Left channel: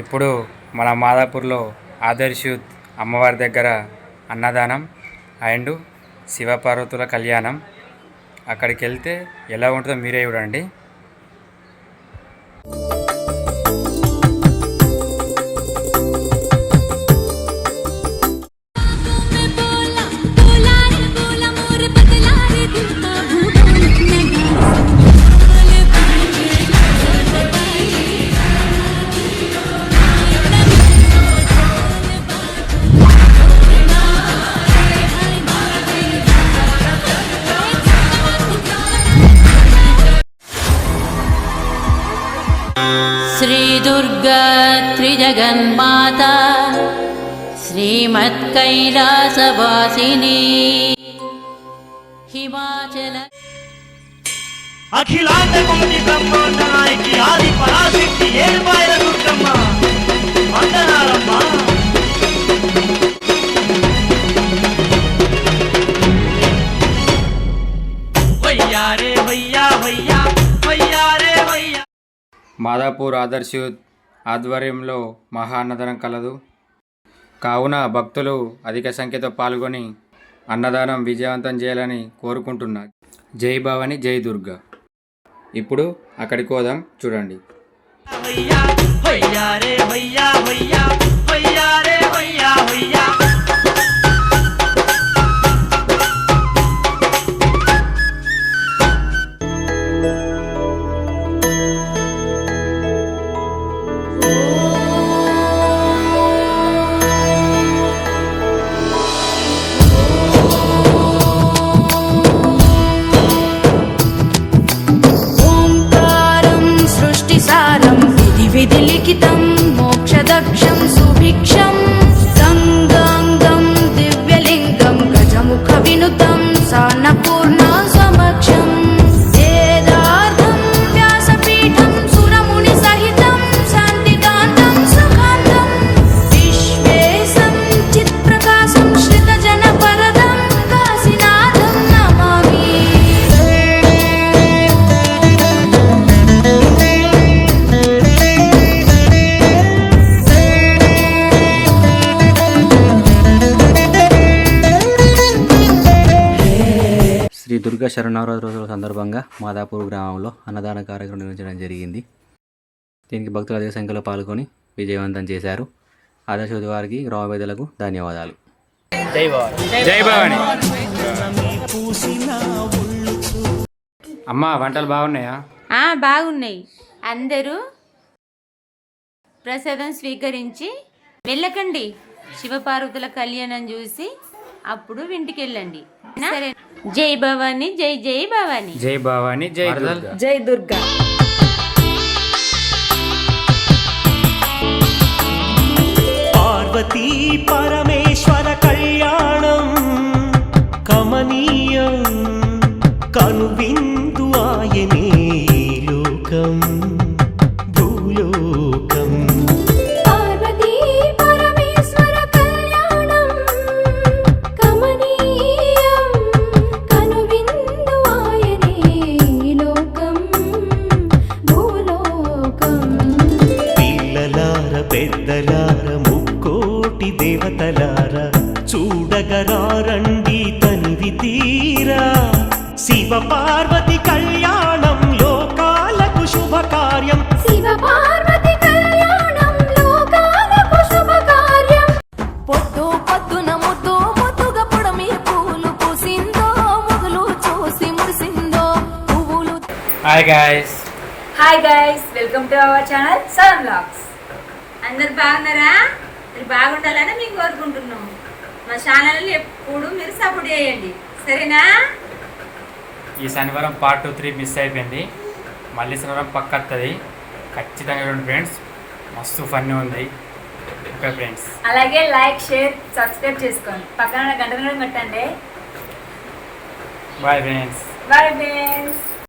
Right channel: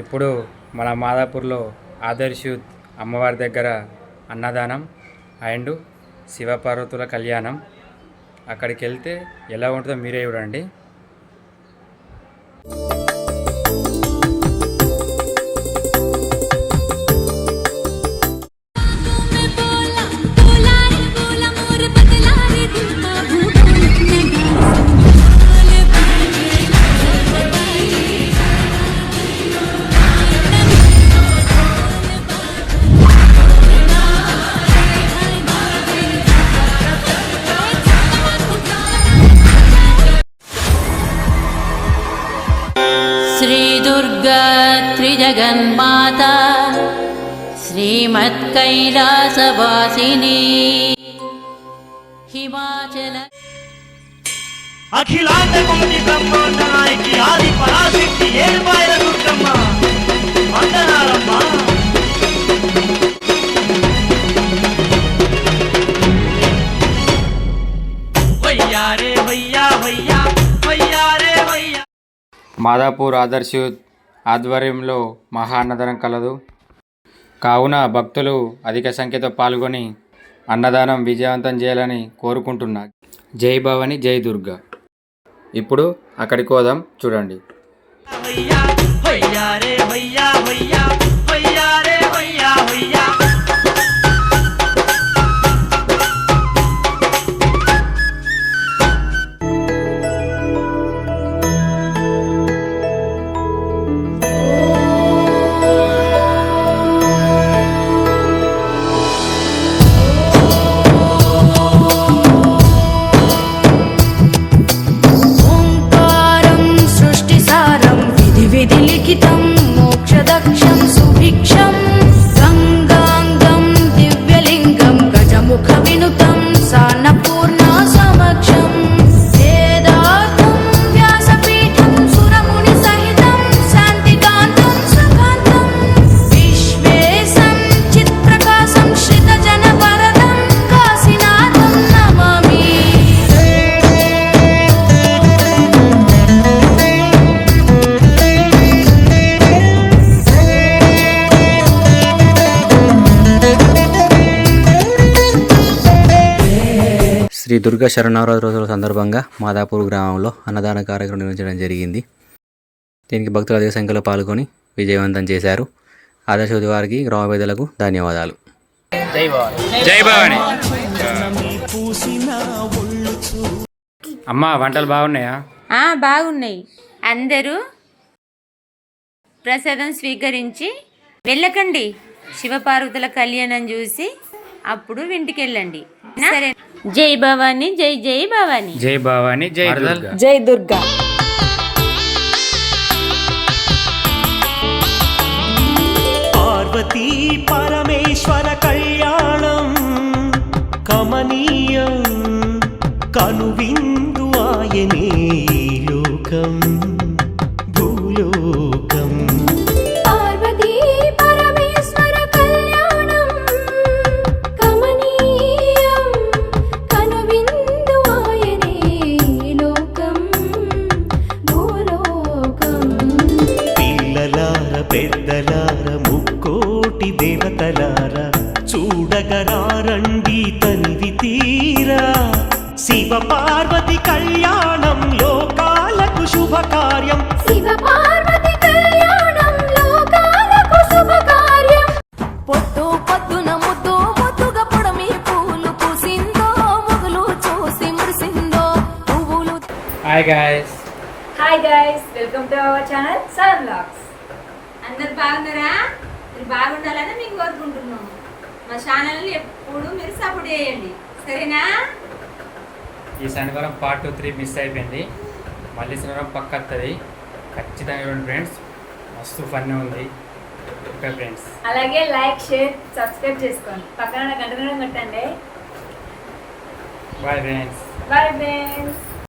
ఇప్పుడు మన మాదాపూర్లో ఆదర్శ్ యూత్ అమ్మవారి దగ్గర అన్నదానం అండ్ శివపార్వతుల కళ్యాణం. అక్కడికి వెళ్తే ఎలా ఉంటుందో మీరే చూడండి. श्री दुर्गा त्रिजगन्माता श्रीमत्कैलासवासिनी हिमाचल अखिलांड कोटि ब्रह्मांड नायकी आदि पराशक्ति ఏడుపాయల దుర్గమ్మ వందనాలమ్మ. వయ్యారే వయ్యా వయ్యా వయ్యారే వయ్యా. మాదాపూర్ ఆదర్శ్ యూత్ ఆధ్వర్యంలో మహా అన్నదానం కలదు. కావున భక్తులు అధిక సంఖ్యతో పాల్గొని అన్నదానం విజయవంతం చేయాలని కోరుకుంటున్నా. జై భవాని, జై దుర్గా. ఇప్పుడు అక్కడికి పోదాం, చూడండి. विधिलिखितं मोक्षदक्षं सुभिक्षं गङ्गाङ्गं दिव्यलिङ्गं गजमुखविनुतं सान्नपूर्णा समक्षं वेदार्थं व्यासपीठं सुरमुनिसहितं शान्तिकान्तं सुखान्तं विश्वेशं चित्प्रकाशं श्रितजनवरदं काशीनाथं नमामि. శ్రీ దుర్గా శరణవరాత్రి రోజుల సందర్భంగా మాదాపూర్ గ్రామంలో అన్నదాన కార్యక్రమం నిర్వహించడం జరిగింది. దీనికి భక్తులు అధిక సంఖ్యలో పాల్గొని విజయవంతం చేశారు. ఆదర్శ యూత్ వారికి గ్రామ పెద్దలకు ధన్యవాదాలు. జై భవాని. అమ్మా, వంటలు బాగున్నాయా? బాగున్నాయి. అందరూ ప్రసాదం స్వీకరించి వెళ్ళకండి. శివపార్వతుల కళ్యాణం చూసి అప్పుడు ఇంటికి వెళ్ళండి. సరే. జై భవాని, జై జై భవాని. జై భవాని, జై దుర్గా. జై దుర్గా. పార్వతీ పరమేశ్వర కళ్యాణం కమనీయం కనువిందు ఆయనే లోకం భూలోకం. పిల్లలార పెద్దలార ముక్కోటి దేవతలార చూడగరారండి తనివి తీరా. శివ పార్వతి కళ్యాణం లోకాలకు శుభకార్యం. పొద్దు పొద్దున ముద్దు ముద్దుగా పొడమి పూలు పూసిందో మొగులు చూసి మురిసిందో పువ్వులు. Hi guys. Hi guys, welcome to our channel Sun Vlogs. అందరు బాగున్నారా? మీరు బాగుండాలని మీకు కోరుకుంటున్నాం. మా ఛానల్ని ఎప్పుడు మీరు సపోర్ట్ చేయండి, సరేనా? ఈ శనివారం పార్ట్ 2, 3 మిస్ అయిపోయింది. మళ్ళీ శనివారం పక్క వస్తుంది. ఖచ్చితంగా చూడండి ఫ్రెండ్స్, మస్తు ఫన్ ఉంది. ఓకే ఫ్రెండ్స్, అలాగే లైక్, షేర్, సబ్స్క్రైబ్ చేసుకోండి. పక్కన గంట కొట్టండి. Bye friends. Bye friends.